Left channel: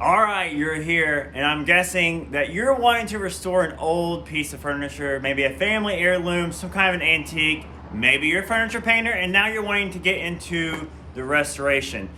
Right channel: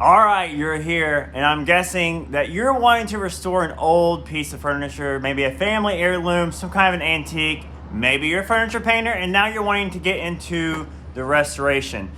All right, you're here, and I'm guessing that you're wanting to restore an old piece of furniture, maybe a family heirloom, some kind of an antique. Maybe you're a furniture painter, and now you're wanting to get into the restoration.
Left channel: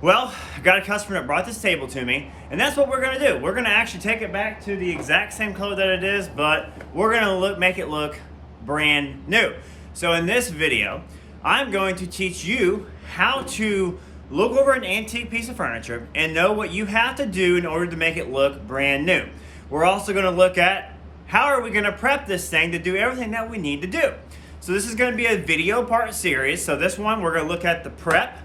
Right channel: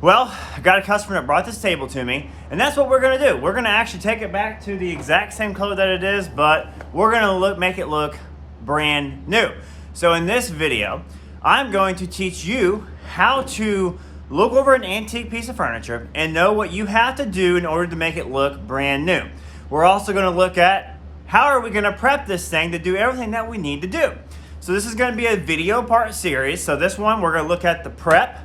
Well, I got a customer that brought this table to me, and that's what we're gonna do. We're gonna actually take it back to the exact same color that it is, but we're gonna make it look brand new. So in this video, I'm going to teach you how to look over an antique piece of furniture and know what you have to do in order to make it look brand new. We're also going to look at how are we going to prep this thing to do everything that we need to do. So this is going to be a video part series. So this one, we're going to look at the prep.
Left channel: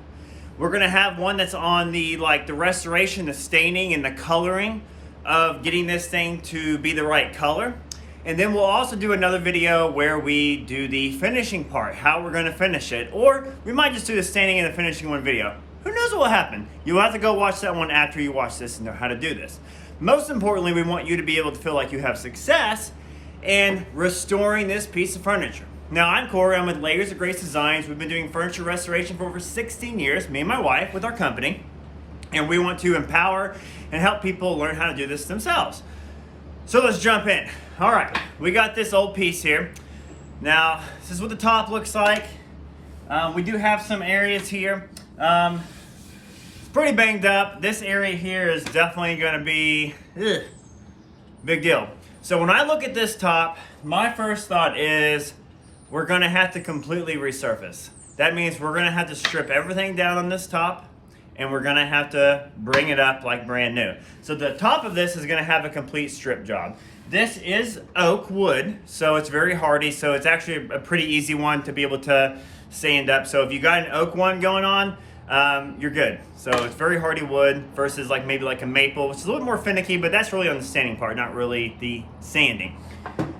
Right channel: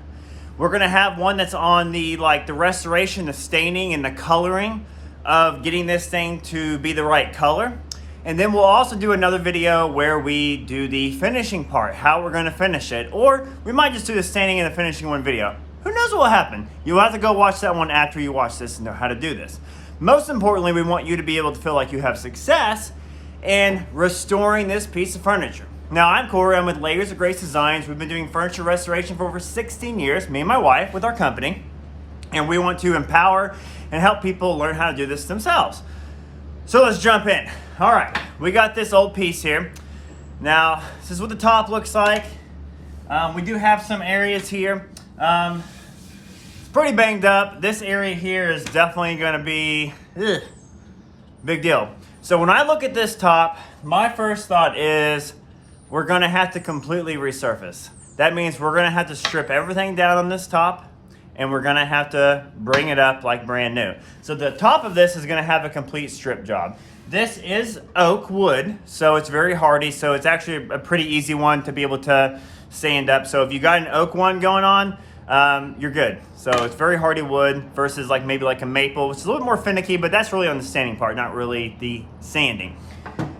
We're going to have one that's on the restoration, the staining and the coloring of getting this thing to be the right color. And then we'll also do another video where we do the finishing part, how we're going to finish it. Or we might just do the staining and the finishing one video. Who knows what will happen? You'll have to go watch that one after you watch this and know how to do this. Most importantly, we want you to be able to feel like you have success in restoring this piece of furniture. Now, I'm Corey. I'm with Layers of Grace Designs. We've been doing furniture restoration for over 16 years, me and my wife, with our company. And we want to empower and help people learn how to do this themselves. So let's jump in. All right, we got this old piece here. Now, this is what the top looks like. We do have some areas here. It's pretty banged up. This area here is definitely going to be big deal. So when I look at this top, my first thought is we're going to have to completely resurface. That means we're going to have to strip everything down on this top, and we're going to have to bring it up like brand new. So the top of this is going to have a complete strip job. This is oak wood, so it's very hardy, so it's actually a pretty easy one to be able to sand up. So if you got an oak one going on, you're good. So it's very hardy wood versus maybe a maple, which is a little more finicky, but that's really on the sanding part, not really the sanding.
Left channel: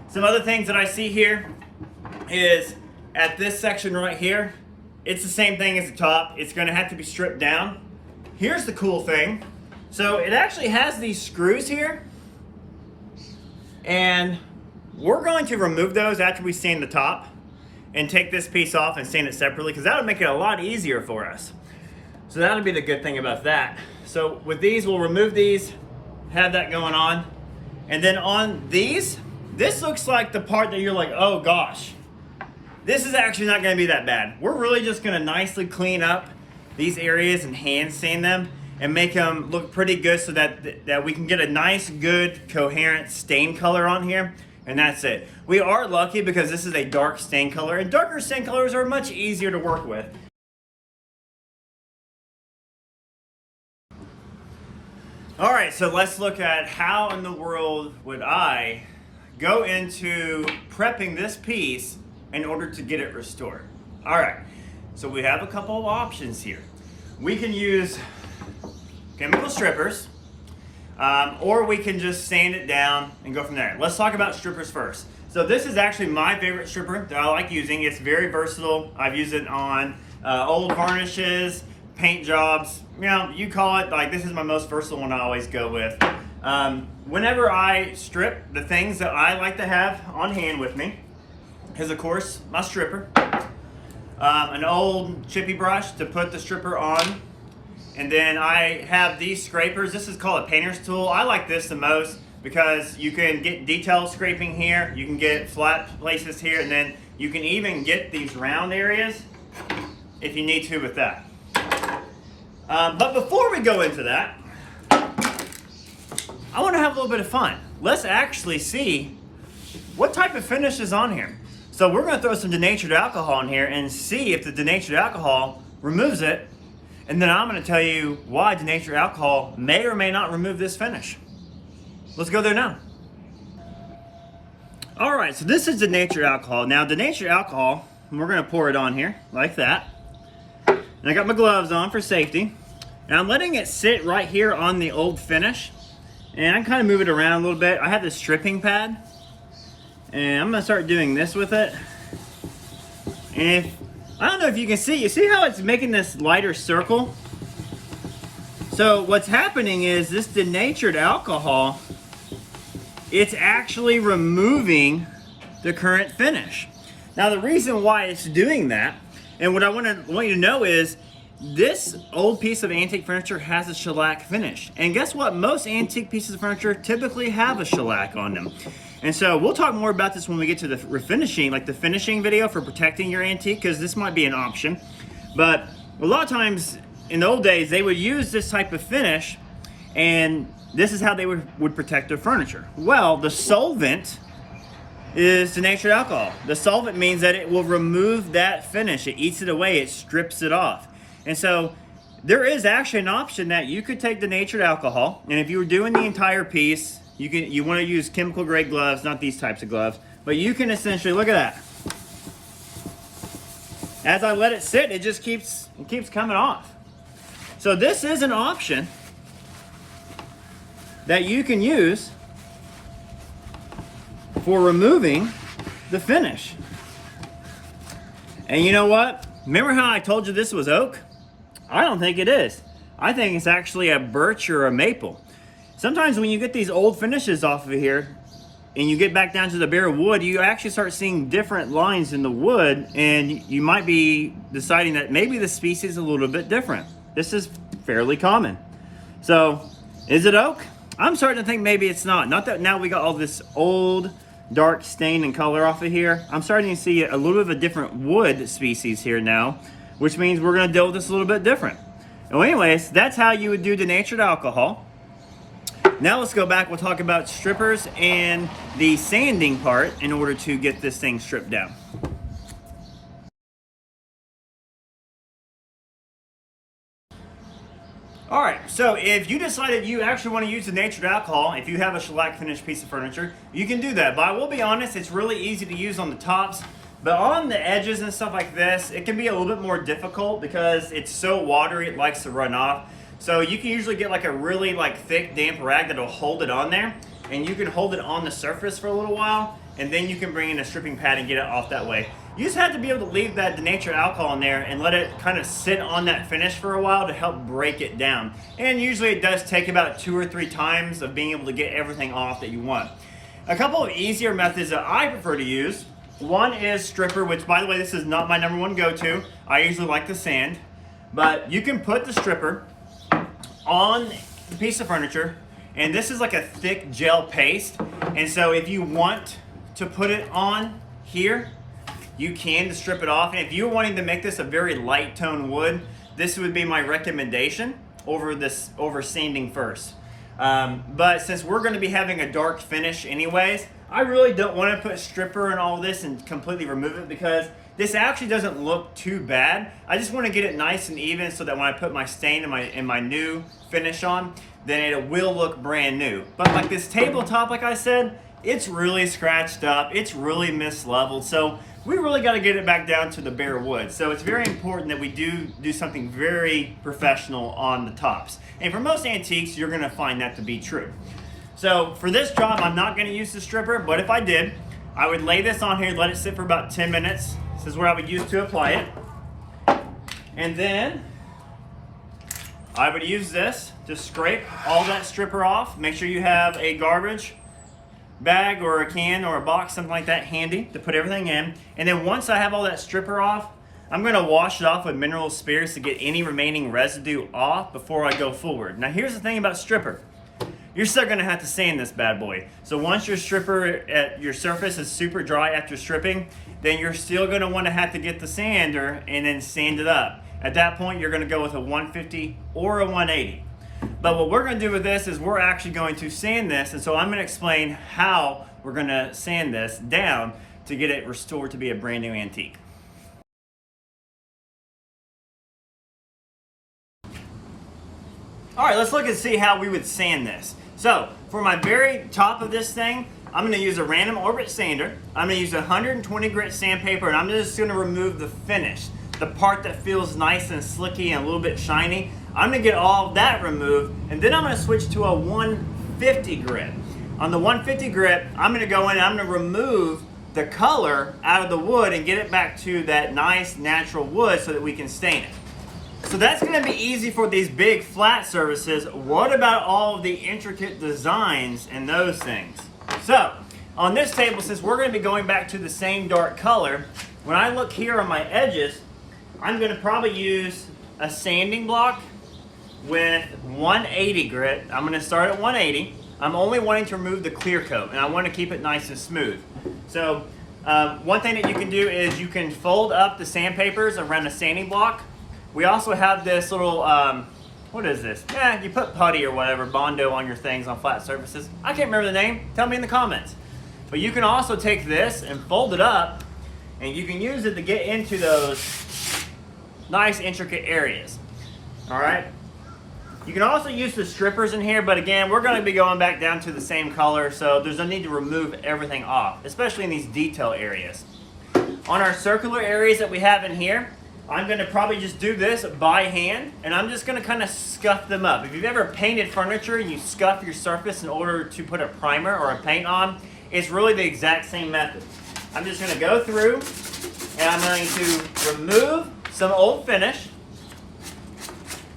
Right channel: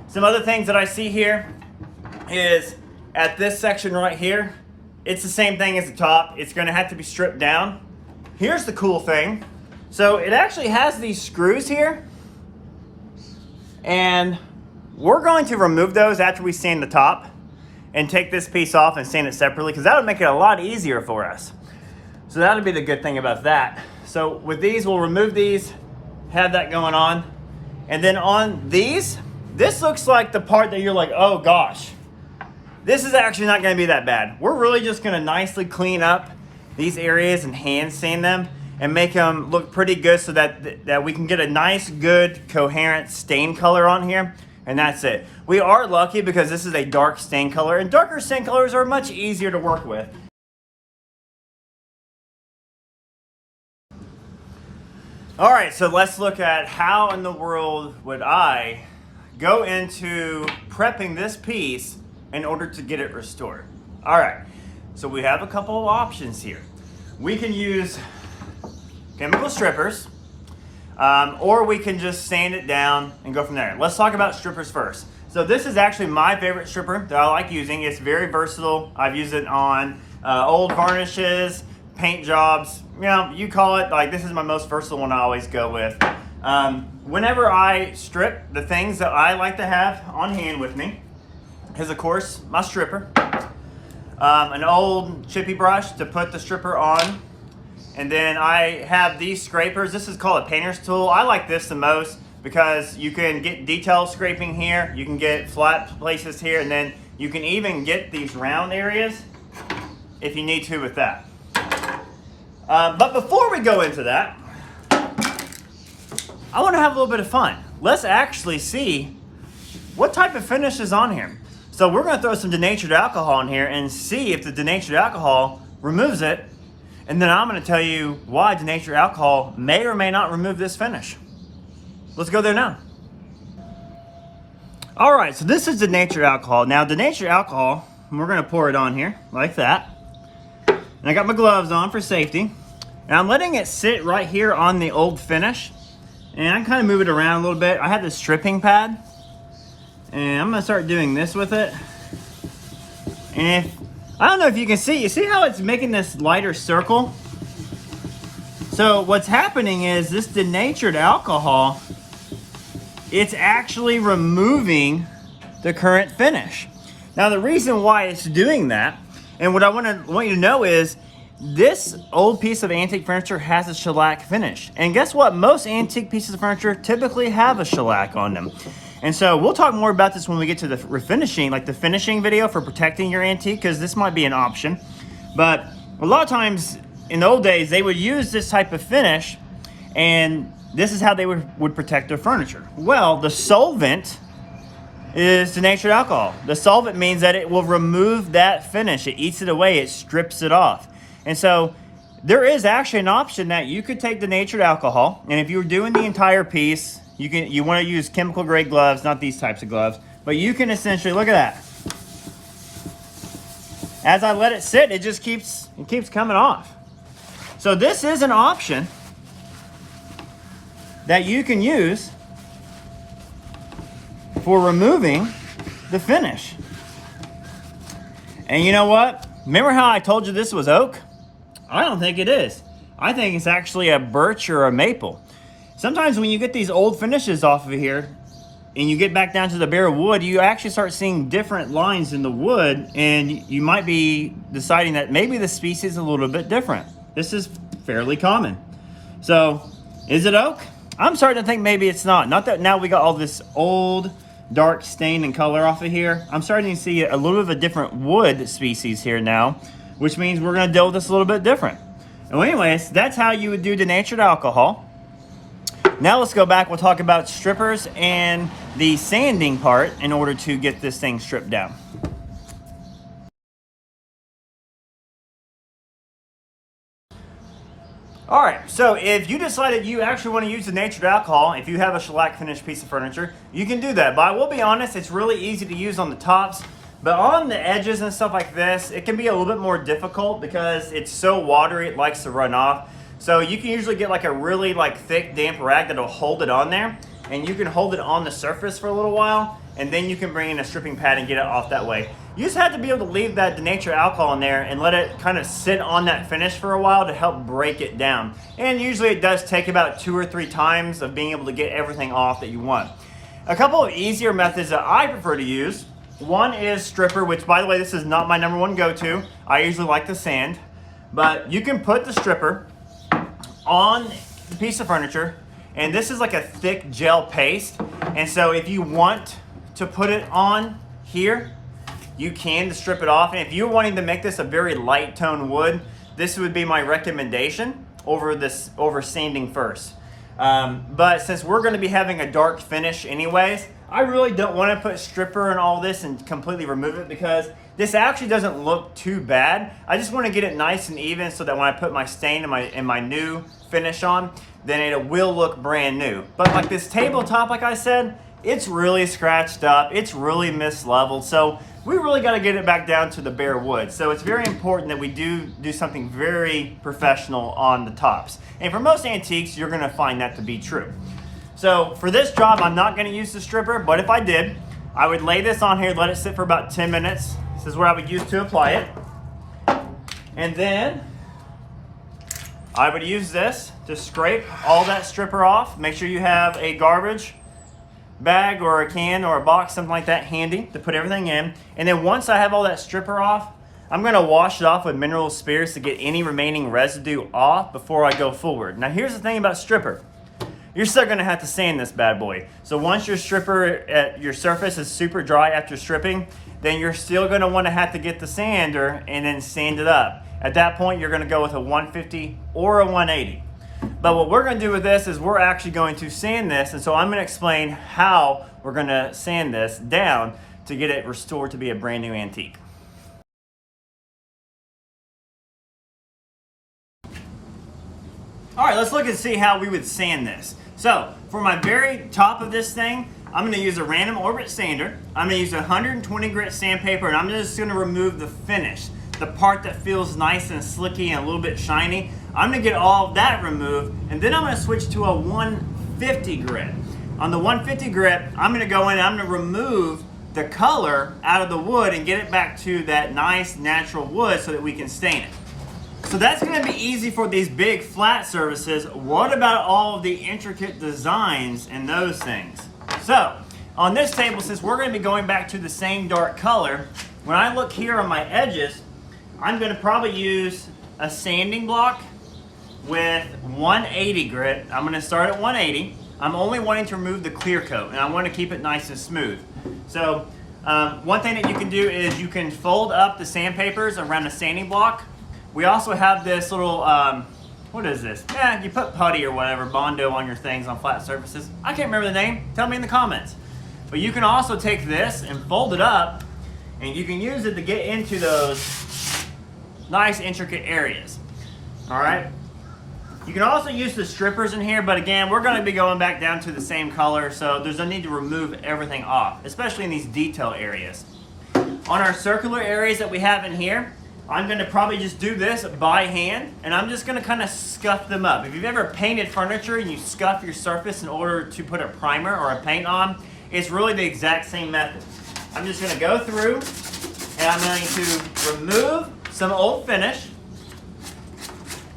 Some other things that I see here is at this section right here, it's the same thing as the top. It's going to have to be stripped down. Here's the cool thing. So it actually has these screws here, and we're going to remove those after we sand the top and take this piece off and sand it separately, because that would make it a lot easier for us. So that would be the good thing about that. So with these, we'll remove these, have that going on. And then on these, this looks like the part that you're like, oh gosh, this is actually not gonna be that bad. We're really just gonna nicely clean up these areas and hand sand them and make them look pretty good so that we can get a nice, good, coherent stain color on here. And that's it. We are lucky because this is a dark stain color, and darker stain colors are much easier to work with. All right, so let's look at how in the world would I go into prepping this piece in order to get it restored. All right, so we have a couple of options here. We can use chemical strippers, or we can just sand it down and go from there. Let's talk about strippers first. So this is actually my favorite stripper that I like using. It's very versatile. I've used it on old varnishes, paint jobs. You know, you call it, this is my most versatile one I always go with. Whenever I strip, the things that I like to have on hand with me is, of course, my stripper, an old chippy brush to put the stripper on. And then I have these scrapers. This is called a painter's tool. I like this the most because you can get detail scraping here, you can get flat places here, and then you can even get these round areas if you need to with that. But before we go into that, I want to have a little bit of fun. Let's actually see what type of finish is on here. So we're going to throw some denatured alcohol in here and see if the denatured alcohol removes it. And then I'm going to tell you why denatured alcohol may or may not remove this finish. Let's go there now. All right, so this is denatured alcohol. Now, denatured alcohol, we're going to pour it on here like that. And I got my gloves on for safety. And I'm letting it sit right here on the old finish. And I kind of move it around a little bit. I have this stripping pad. And I'm going to start doing this with it. And I don't know if you can see. You see how it's making this lighter circle? So what's happening is this denatured alcohol, it's actually removing the current finish. Now the reason why it's doing that, and what I want you to know is this old piece of antique furniture has a shellac finish. And guess what? Most antique pieces of furniture typically have a shellac on them. And so we'll talk more about this when we get to the refinishing, like the finishing video for protecting your antique, because this might be an option. But a lot of times in the old days, they would use this type of finish, and this is how they would protect their furniture. Well, the solvent is denatured alcohol. The solvent means that it will remove that finish. It eats it away, it strips it off. And so there is actually an option that you could take denatured alcohol, and if you were doing the entire piece, you want to use chemical grade gloves, not these types of gloves, but you can essentially, look at that. As I let it sit, it just keeps coming off. So this is an option that you can use for removing the finish. And you know what? Remember how I told you this was oak? I don't think it is. I think it's actually a birch or a maple. Sometimes when you get these old finishes off of here and you get back down to the bare wood, you actually start seeing different lines in the wood, and you might be deciding that maybe the species is a little bit different. This is fairly common. So, is it oak? I'm starting to think maybe it's not. Not that now we got all this old dark stain and color off of here. I'm starting to see a little bit of a different wood species here now, which means we're gonna deal with this a little bit different. Well, anyways, that's how you would do denatured alcohol. Now let's go back, we'll talk about strippers and the sanding part in order to get this thing stripped down. All right, so if you decided you actually want to use denatured alcohol, if you have a shellac finished piece of furniture, you can do that. But I will be honest, it's really easy to use on the tops, but on the edges and stuff like this, it can be a little bit more difficult because it's so watery, it likes to run off. So you can usually get like a really thick, damp rag that'll hold it on there, and you can hold it on the surface for a little while, and then you can bring in a stripping pad and get it off that way. You just have to be able to leave that denatured alcohol in there and let it kind of sit on that finish for a while to help break it down. And usually it does take about 2 or 3 times of being able to get everything off that you want. A couple of easier methods that I prefer to use. One is stripper, which by the way, this is not my #1 go-to. I usually like the sand. But you can put the stripper on the piece of furniture, and this is like a thick gel paste. And so if you want to put it on here, you can to strip it off. And if you're wanting to make this a very light tone wood, this would be my recommendation over sanding first. But since we're going to be having a dark finish anyways, I really don't want to put stripper and all this and completely remove it, because this actually doesn't look too bad. I just want to get it nice and even so that when I put my stain and my new finish on, then it will look brand new. But like this tabletop, like I said, it's really scratched up, it's really misleveled, so we really got to get it back down to the bare wood. So it's very important that we do something very professional on the tops. And for most antiques, you're going to find that to be true. So for this job, I'm not going to use the stripper, but if I did, I would lay this on here, let it sit for about 10 minutes. This is where I would use to apply it. And then I would use this to scrape all that stripper off. Make sure you have a garbage bag or a can or a box, something like that handy to put everything in. And then once I have all that stripper off, I'm going to wash it off with mineral spirits to get any remaining residue off before I go forward. Now here's the thing about stripper. You're still going to have to sand this bad boy. So once your stripper at your surface is super dry after stripping, then you're still going to want to have to get the sander and then sand it up. At that point, you're going to go with a 150 or a 180. But what we're going to do with this is we're actually going to sand this, and so I'm going to explain how we're going to sand this down to get it restored to be a brand new antique. All right, let's look and see how we would sand this. So for my very top of this thing, I'm going to use a random orbit sander. I'm going to use 120 grit sandpaper, and I'm just going to remove the finish, the part that feels nice and slicky and a little bit shiny. I'm going to get all of that removed, and then I'm going to switch to a 150 grit. On the 150 grit, I'm going to go in and I'm going to remove the color out of the wood and get it back to that nice natural wood so that we can stain it. So that's going to be easy for these big flat surfaces. What about all of the intricate designs and those things? So on this table, since we're going to be going back to the same dark color, when I look here on my edges, I'm going to probably use a sanding block with 180 grit. I'm gonna start at 180. I'm only wanting to remove the clear coat, and I want to keep it nice and smooth. So one thing that you can do is you can fold up the sandpapers around the sanding block. We also have this little, what is this? Yeah, you put putty or whatever, Bondo on your things on flat surfaces. I can't remember the name. Tell me in the comments. But you can also take this and fold it up, and you can use it to get into those nice intricate areas. All right. You can also use the strippers in here, but again, we're going to be going back down to the same color, so there's no need to remove everything off, especially in these detail areas. On our circular areas that we have in here, I'm going to probably just do this by hand, and I'm just going to kind of scuff them up. If you've ever painted furniture and you scuff your surface in order to put a primer or a paint on, it's really the exact same method. I'm just going to go through, and I'm going to remove some old finish.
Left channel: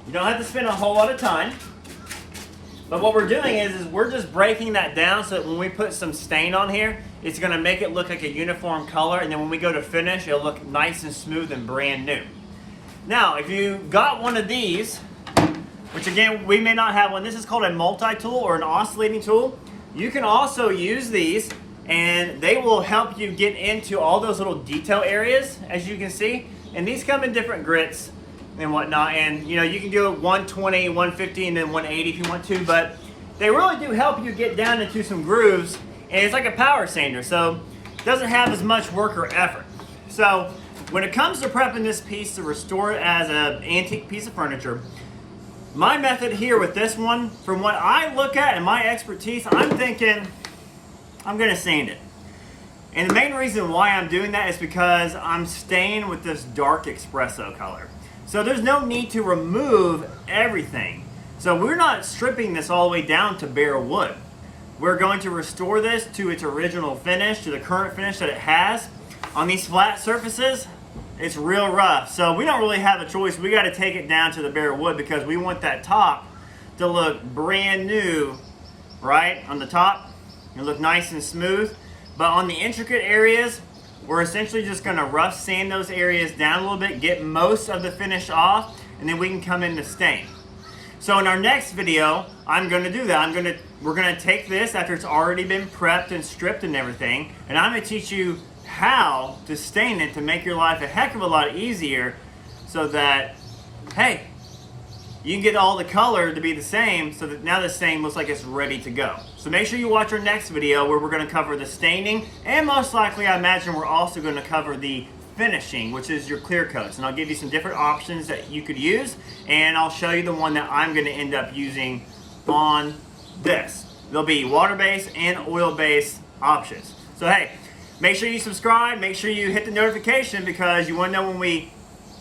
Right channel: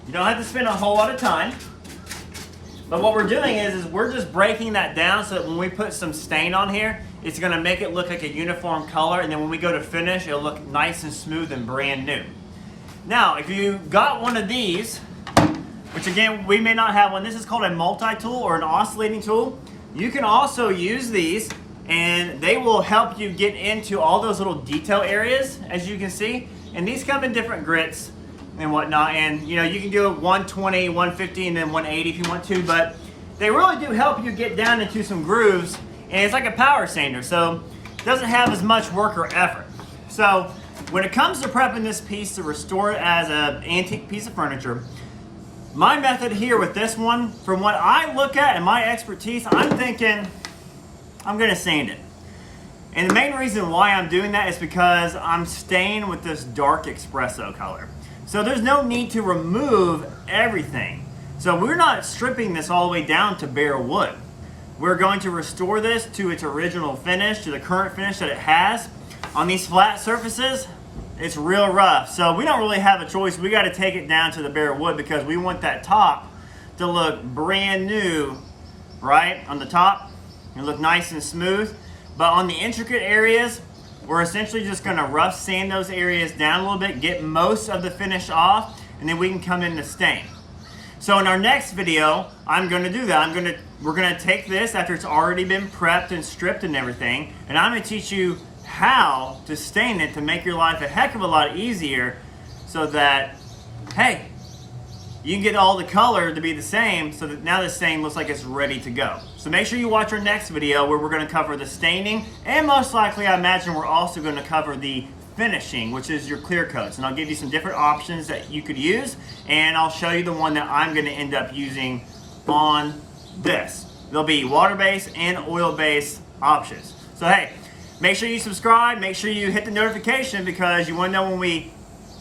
You don't have to spend a whole lot of time. But what we're doing is we're just breaking that down so that when we put some stain on here, it's gonna make it look like a uniform color, and then when we go to finish, it'll look nice and smooth and brand new. Now, if you got one of these, which again, we may not have one, this is called a multi-tool or an oscillating tool. You can also use these, and they will help you get into all those little detail areas, as you can see. And these come in different grits and whatnot, and you know, you can do 120, 150, and then 180 if you want to, but they really do help you get down into some grooves, and it's like a power sander, so it doesn't have as much work or effort. So when it comes to prepping this piece to restore it as an antique piece of furniture, my method here with this one, from what I look at and my expertise, I'm thinking I'm gonna sand it. And the main reason why I'm doing that is because I'm staying with this dark espresso color. So there's no need to remove everything. So we're not stripping this all the way down to bare wood. We're going to restore this to its original finish, to the current finish that it has. On these flat surfaces, it's real rough. So we don't really have a choice. We got to take it down to the bare wood because we want that top to look brand new, right? On the top, it'll look nice and smooth. But on the intricate areas, we're essentially just going to rough sand those areas down a little bit, get most of the finish off, and then we can come in to stain. So in our next video, I'm going to do that. We're going to take this after it's already been prepped and stripped and everything, and I'm going to teach you how to stain it to make your life a heck of a lot easier, so that, hey, you can get all the color to be the same, so that now the stain looks like it's ready to go. So make sure you watch our next video where we're going to cover the staining, and most likely I imagine we're also going to cover the finishing, which is your clear coats. And I'll give you some different options that you could use, and I'll show you the one that I'm going to end up using on this. There'll be water-based and oil-based options. So hey, make sure you subscribe, make sure you hit the notification, because you want to know when we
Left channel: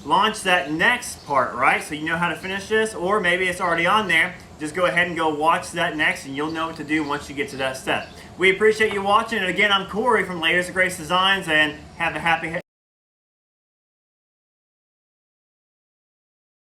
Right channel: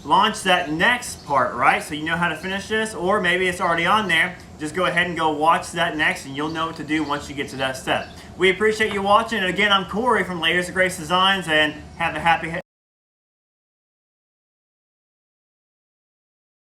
launch that next part, right? So you know how to finish this, or maybe it's already on there. Just go ahead and go watch that next, and you'll know what to do once you get to that step. We appreciate you watching, and again, I'm Corey from Layers of Grace Designs, and have a happy